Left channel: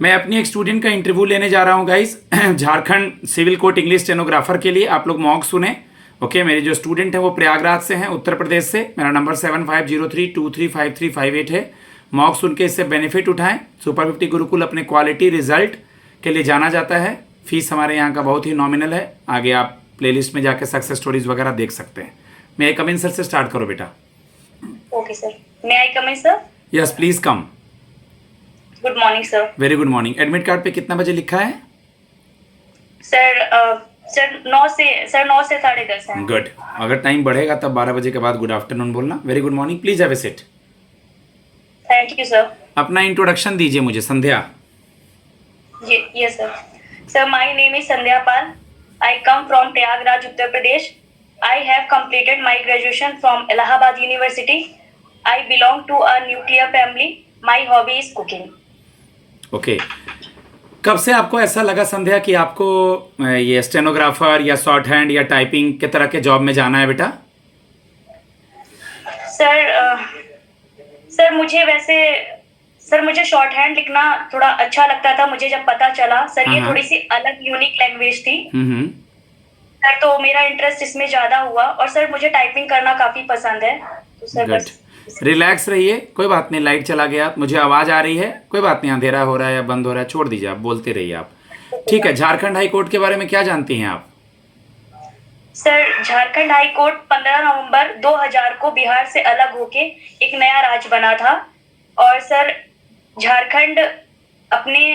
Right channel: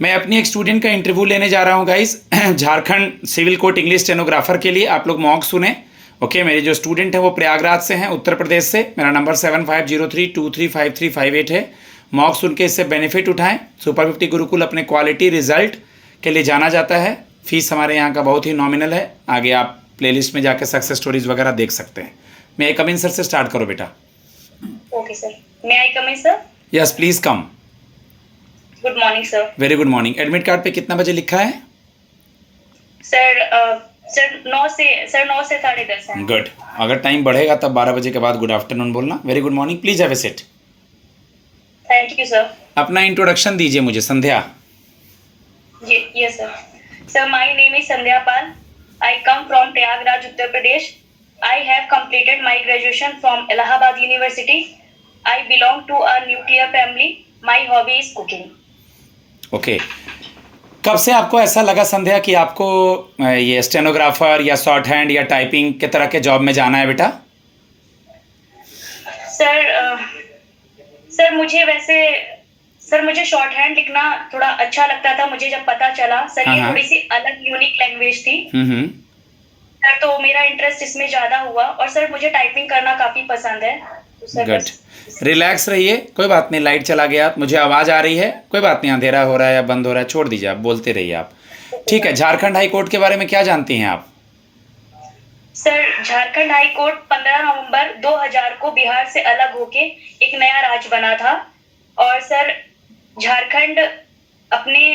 मैं अपनी एक स्टूडेंट का इंटरव्यू लेने जा रहा हूँ guys, Jharkhand civil court English stenographer के लिए। आप लोग मॉक सुने। ओके, मेरी जो स्टूडेंट है वो प्रयागराज से हैं, उत्तर प्रदेश से। मेरा नंबर 7503235358 है। मॉक सुन के इससे बेनिफिट उठाएं। सुपर 50 गुरुकुल अपने क्वालिटी रिजल्ट के लिए जाना जाता है। फीस हमारे यहाँ का बहुत ही नॉमिनल है। आगे आप प्लेलिस्ट में जाके सक्सेस स्टोरीज वगैरह देख सकते हैं। मैं आई कम इन सर से स्टार्ट करो बेटा। Okay sir, may I come in sir? Yes please come. Good morning sir. Very good morning. Admit card पे कितना बजे लिखा है? सर सर 9 से 10:30 है। गुड। अगर टाइम बढ़ेगा तब 12 बजे के बाद गुड आफ्टरनून बोलना। Very good morning, please have a seat. Thank you sir. अपना इंट्रोडक्शन दीजिए मुझे, संध्या। जी yes sir. Sir my name is Sandhya Pal. I come from Prayagraj, Uttar Pradesh. I have completed my graduation from Allahabad University. I belong to a nuclear family. My hobby is cooking. Okay. कब से आपको ऐसा लगा संध्या कि आपको ये स्टेनोग्राफर या शॉर्ट हैंड या टाइपिंग के तरह के जॉब में जाना है बेटा? सर मुझे शॉर्ट हैंड लिखना थोड़ा अच्छा लगता था। मुझे जब पता चला सर ये थोड़ी सी अलग यूनिक लैंग्वेज थी सर, तो मेरा इंटरेस्ट इसमें ज्यादा हुआ। और सर मुझे टाइपिंग करना काफी पसंद है। तो सर गुड। रिलैक्स रहिए, कोई बात नहीं। लाइट चला गया, मुझे आवाज़ आ रही है, कोई बात नहीं। अंधेरा हो रहा है या बंद हो रहा है, छोड़ दीजिए, आप बोलते रहिए आप। ठीक है। झारखंड हाई कोर्ट के बारे में क्या जानती हैं आप? सर झारखंड हाई कोर्ट 15 नवंबर 2000 को बिहार से अलग होके एक नया राज्य बना था। और सर झारखंड अपने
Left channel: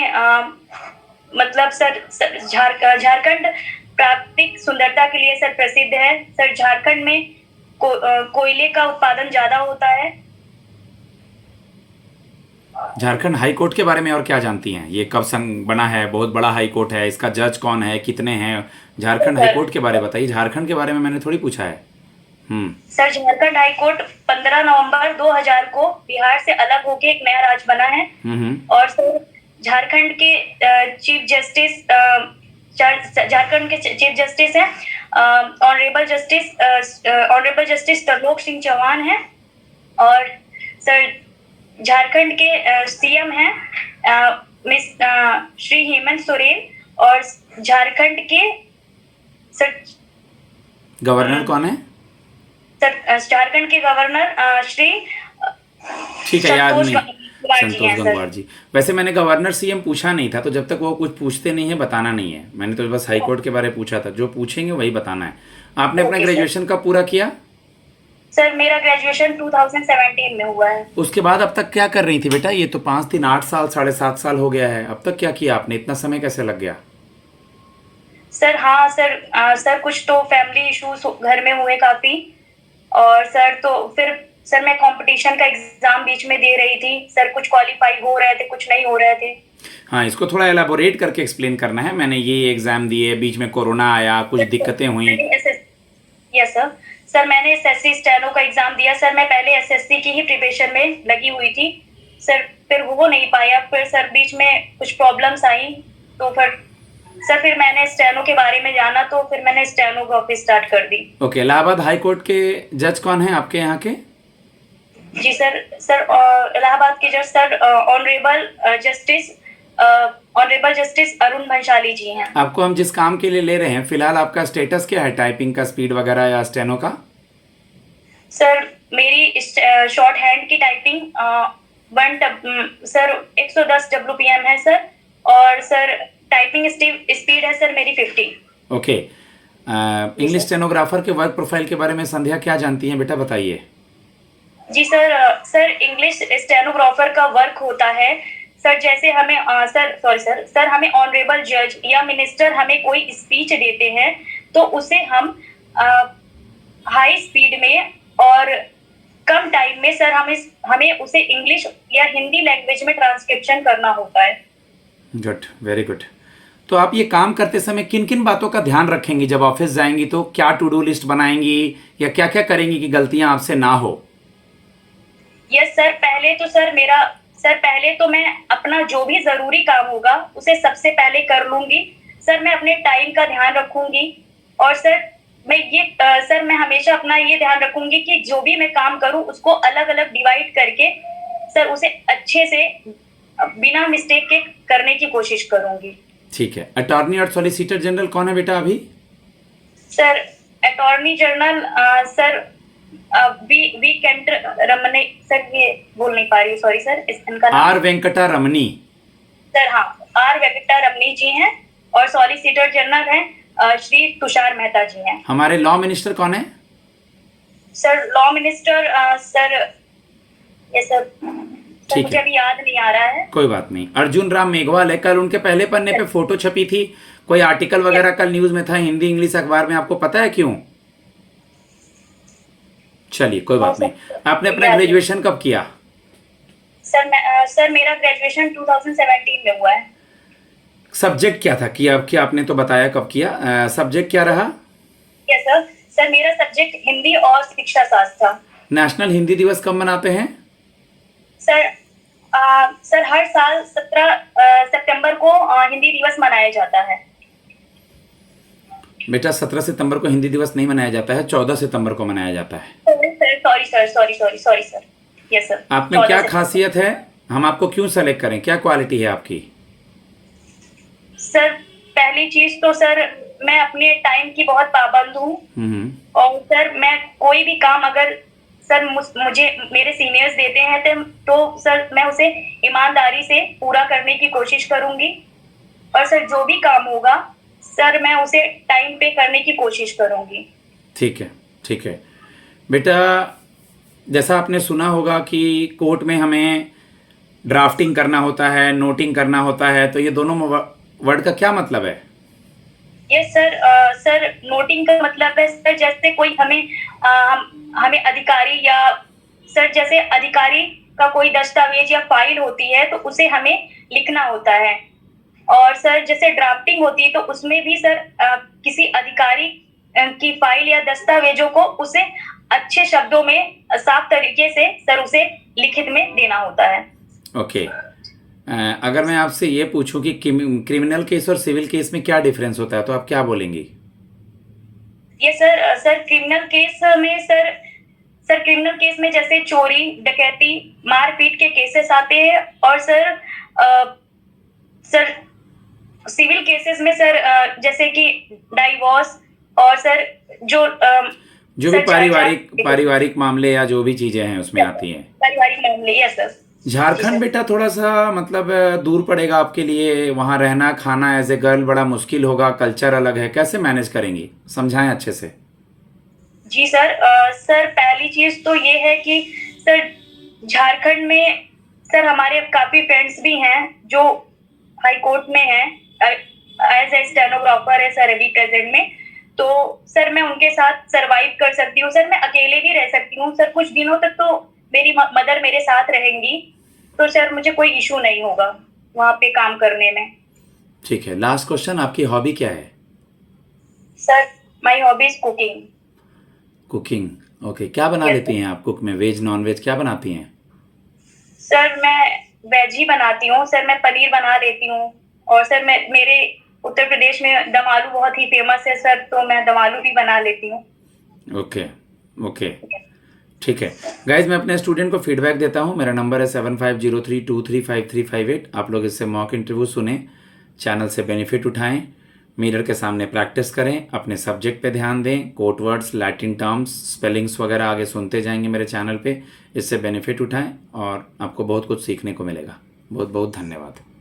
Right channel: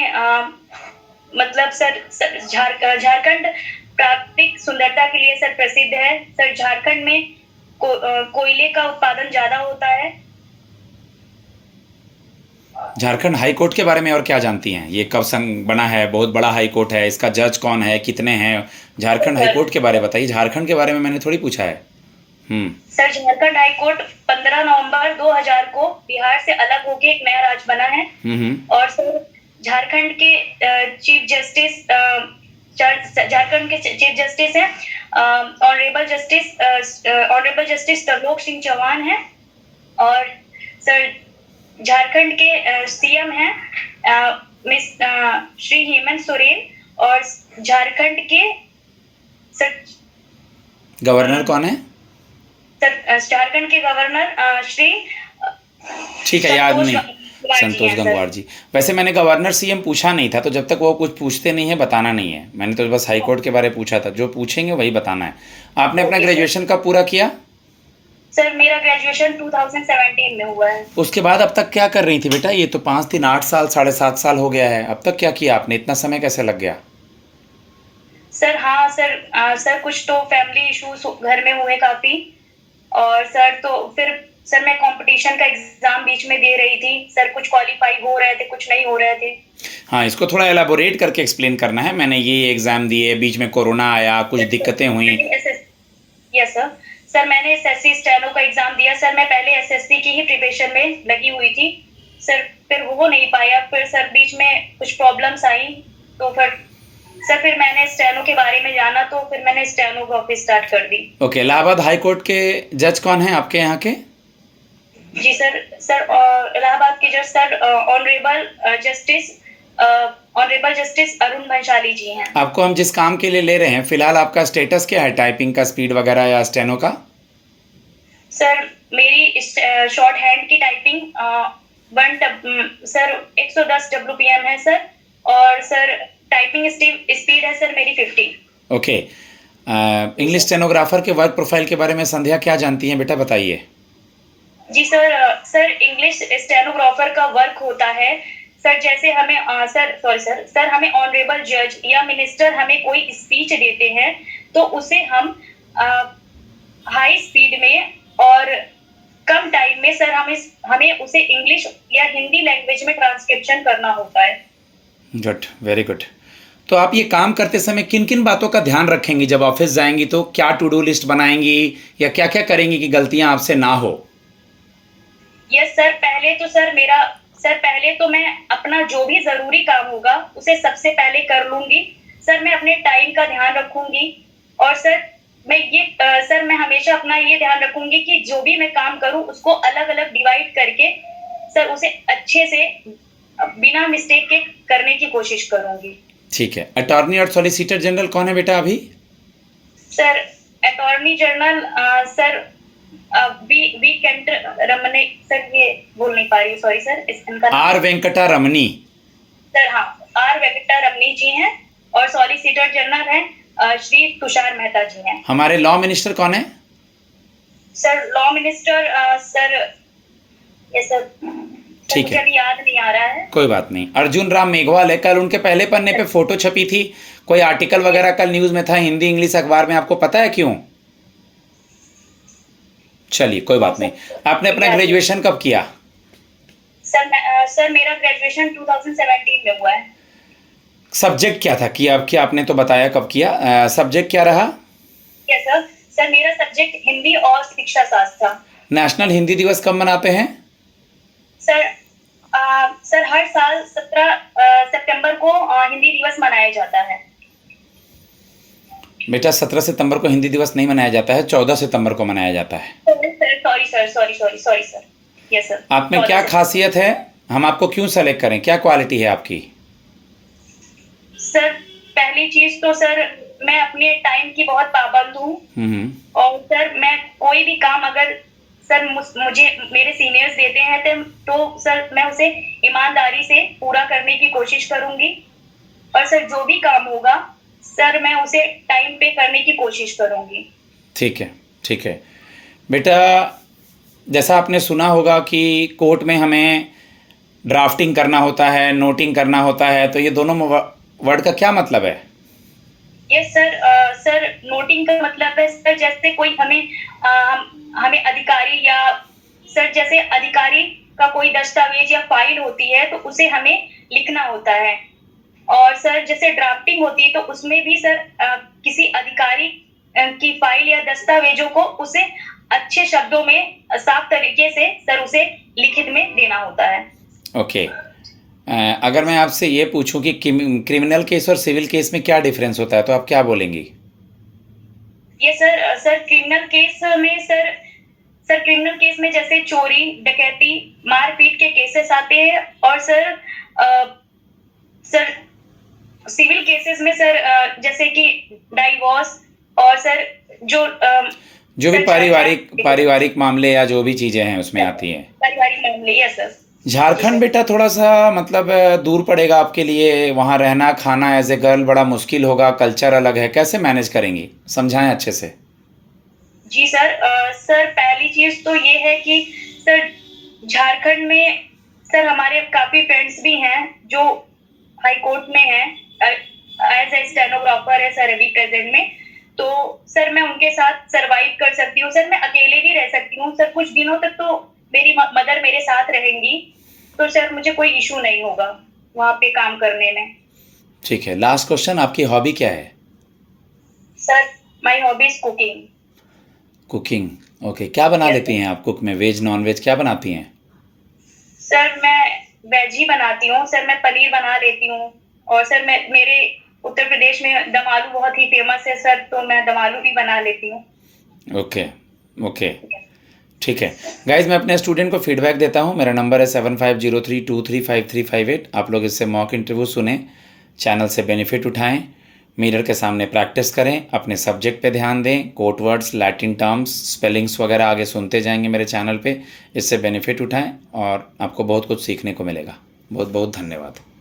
मतलब सर झारखंड प्राकृतिक सुंदरता के लिए सर प्रसिद्ध है। सर झारखंड में कोयले का उत्पादन ज्यादा होता है। झारखंड हाई कोर्ट के बारे में और क्या जानती हैं? ये कब संग बना है? बहुत बड़ा हाई कोर्ट है। इसका जज कौन है, कितने हैं? झारखंड हाई कोर्ट के बारे में बताइए। झारखंड के बारे में मैंने थोड़ी पूछा है। सर झारखंड हाई कोर्ट 15 नवंबर 2000 को बिहार से अलग होके एक नया राज्य बना है। और सर झारखंड के चीफ जस्टिस है ऑनरेबल जस्टिस तरलोक सिंह चौहान है। और सर झारखंड के सीएम हैं मिस श्री हेमंत सोरेन। और झारखंड के सर गवर्नर कौन है? सर झारखंड के गवर्नर श्री ठीक है, याद नहीं, संतोष गंगवार जी। वैसे मैंने गवर्नर सीएम पूछा नहीं था, तो जब तक वो कुछ पूछते नहीं है बताना नहीं है। मैंने तो बस हाई कोर्ट के बारे में पूछा था। जो पूछेंगे वही बताना है। आपने अपना ग्रेजुएशन कब पूरा किया? सर मेरा ग्रेजुएशन 2017 में हुआ है। उसके बाद अब तक क्या कर रही थी बेटा? ये तो 5 दिन 8 साल 7.5 साल हो गया है। अब तक क्या किया आपने? इतना समय कैसे लग गया? सर हाँ सर कुछ तो फैमिली इश्यूज घर में हुए काफी। और सर तो फिर सर मैं कंपटीशन का एग्जाम बीच में दे रही थी। सर कुछ क्वालिफाई हो रहे थे, कुछ नहीं हो रहे थे। हाँ, इसको थोड़ा एलाबोरेट करके एक्सप्लेन करना है। मैंने ये एग्जाम दिए, बीच में कोरोना आया, कुछ दिक्कतें हुई। Yes sir. सर मैंने एसएससी स्टेनो का एग्जाम दिया। सर मैं पहले एसएससी की ही प्रिपरेशन में लगी हुई थी सर, फिर वो नहीं पाया। फिर सर बीच में कुछ प्रॉब्लम्स आई, तो फिर मैंने स्टेनो के बारे में जाना, तो फिर मैंने स्टेनोग्राफी स्टार्ट कर दी। ओके। इलाहाबाद हाई कोर्ट के जज कौन है आपके यहाँ के? जी सर इलाहाबाद के जज sir honourable justice Arun Bhansali ji हैं। आपको हम जिस काम के लिए ले रहे हैं, फिलहाल आपका स्टेटस क्या है? टाइपिंग का स्पीड वगैरह या स्टेनो का? सर मेरी शॉर्ट हैंड की टाइपिंग 110 WPM है सर। और सर टाइपिंग स्पीड है सर मेरी 50। ओके। इंग्लिश स्टेनोग्राफर के वर्क प्रोफाइल के बारे में संध्या क्या जानती हैं बेटा, बताइए। जी सर इंग्लिश स्टेनोग्राफर का वर्क होता है सर, जैसे हमें सर हमें ऑनरेबल जज या मिनिस्टर हमें कोई स्पीच देते हैं, तो उसे हम हाई स्पीड में और कम टाइम में सर हमें उसे इंग्लिश या हिंदी लैंग्वेज में ट्रांसक्रिप्शन करना होता है। Good, very good. तो आप ये काम करते समय किन किन बातों का ध्यान रखेंगी? जब ऑफिस जाएंगी तो क्या टू डू लिस्ट बनाएंगी या क्या क्या करेंगी कि गलतियां आपसे ना हो? यस सर, पहले तो मैं अपना जो भी जरूरी काम होगा उसे सबसे पहले कर लूंगी। सर मैं अपने टाइम का ध्यान रखूंगी। और सर मैं हमेशा अपना ये ध्यान रखूंगी कि जो भी मैं काम करूं उसको अलग अलग डिवाइड करके सर उसे अच्छे से बिना मिस्टेक के करने की कोशिश करूंगी। ठीक है। अटॉर्नी और सॉलिसिटर जनरल कौन है बेटा अभी? Sir attorney general sir V Ramana sir, ये बोल नहीं पा रही, सॉरी सर, इनका नाम आर वेंकटा रमनी। सर, हाँ, आर वेंकटा रमनी जी हैं। और सॉलिसिटर जनरल हैं श्री तुषार मेहता जी हैं। हमारे लॉ मिनिस्टर कौन है? सर लॉ मिनिस्टर सर, ये सर ठीक मुझे है, अभी याद नहीं आ रहा है। कोई बात नहीं। अर्जुन राम मेघवाल है। कल उनके पहले पन्ने पे फोटो छपी थी, कोई आर्टिकल वगैरह कल न्यूज में था, हिंदी इंग्लिश अखबार में, आपको पता है क्यों? चलिए कोई बात नहीं। आपने अपना ग्रेजुएशन कब किया? सर मेरा ग्रेजुएशन 2017 में हुआ है। सब्जेक्ट क्या था? किया क्या आपने तो बताया कब किया, सब्जेक्ट क्या रहा? यस सर, सर मेरा सब्जेक्ट हिंदी और शिक्षा शास्त्र था। नेशनल हिंदी दिवस कब मनाते हैं? सर सर हर साल 17 सितंबर को हिंदी दिवस मनाया जाता है। बेटा 17 सितंबर को हिंदी दिवस नहीं मनाया जाता है, 14 सितंबर को मनाया जाता है। Sorry sir, sorry sir. Yes sir. आप में क्या खासियत है? हम आपको क्यों सेलेक्ट करें? क्या क्वालिटी है आपकी? सर पहली चीज तो सर, मैं अपने टाइम की बहुत पाबंद हूँ। और सर मैं कोई भी काम अगर सर मुझे मेरे सीनियर्स देते हैं तो सर मैं उसे ईमानदारी से पूरा करने की कोशिश करूंगी। और सर जो भी काम होगा सर मैं उसे टाइम पे करने की कोशिश करूंगी। ठीक है, ठीक है बेटा। जैसा आपने सुना होगा कि कोर्ट में हमें ड्राफ्टिंग करना होता है, नोटिंग करना होता है, तो ये दोनों वर्ड का क्या मतलब है? यस सर, सर नोटिंग का मतलब है सर, जैसे कोई हमें अधिकारी या सर जैसे अधिकारी का कोई दस्तावेज या फाइल होती है तो उसे हमें लिखना होता है। और सर जैसे ड्राफ्टिंग होती है तो उसमें भी सर किसी अधिकारी की फाइल या दस्तावेजों को उसे अच्छे शब्दों में साफ तरीके से सर उसे लिखित में देना होता है। ओके। अगर मैं आपसे ये पूछूं कि क्रिमिनल केस और सिविल केस में क्या डिफरेंस होता है तो आप क्या बोलेंगी? ये सर क्रिमिनल केस में सर क्रिमिनल केस में जैसे चोरी, डकैती, मारपीट के केसेस आते हैं। और सर सिविल केसेस में सर जैसे कि डाइवोर्स और सर जो भी पारिवारिक मामले या जो भी चीजें हैं उसमें आती हैं। पारिवारिक मामले। Yes sir. झारखंड बेटा थोड़ा सा मतलब दूर पड़ेगा आपके लिए, वहाँ रहना खाना एज ए गर्ल बड़ा मुश्किल होगा, कल्चर अलग है, कैसे मैनेज करेंगी? समझाएं अच्छे से। जी सर, सर पहली चीज तो ये है कि सर झारखंड में सर हमारे काफी फ्रेंड्स भी हैं जो हाई कोर्ट में हैं एज ए स्टेनोग्राफर है सर अभी प्रेजेंट में। तो सर मैं उनके साथ सरवाइव कर सकती हूँ सर, मैं अकेले भी रह सकती हूँ सर, कुछ दिनों तक तो मेरी मदर मेरे साथ रहेंगी तो सर मुझे कोई इशू नहीं होगा वहाँ पे काम करने में। ठीक है। लास्ट क्वेश्चन, आपकी हॉबी क्या है? Sir my hobby is cooking. Cooking, okay. क्या बना लेती हैं आप कुक में? वेज नॉन वेज क्या बनाती हैं? सर मैं वेज ही बनाती हूँ सर, मैं पनीर बना लेती हूँ। और सर मेरे उत्तर प्रदेश में दम आलू बहुत ही फेमस है सर, तो मैं दम आलू भी बना लेती हूँ। ओके ओके, ठीक है गाइज। मैं अपने स्टूडेंट को फीडबैक देता हूँ। मेरा नंबर है 7503235358। आप लोग इससे मॉक इंटरव्यू सुने, चैनल से बेनिफिट उठाएं, मिरर के सामने प्रैक्टिस करें, अपने सब्जेक्ट पे ध्यान दें, code words, Latin terms, spellings वगैरह आगे सुनते जाएंगे मेरे चैनल पे। इससे बेनिफिट उठाएं और आपको बहुत कुछ सीखने को मिलेगा। बहुत बहुत धन्यवाद।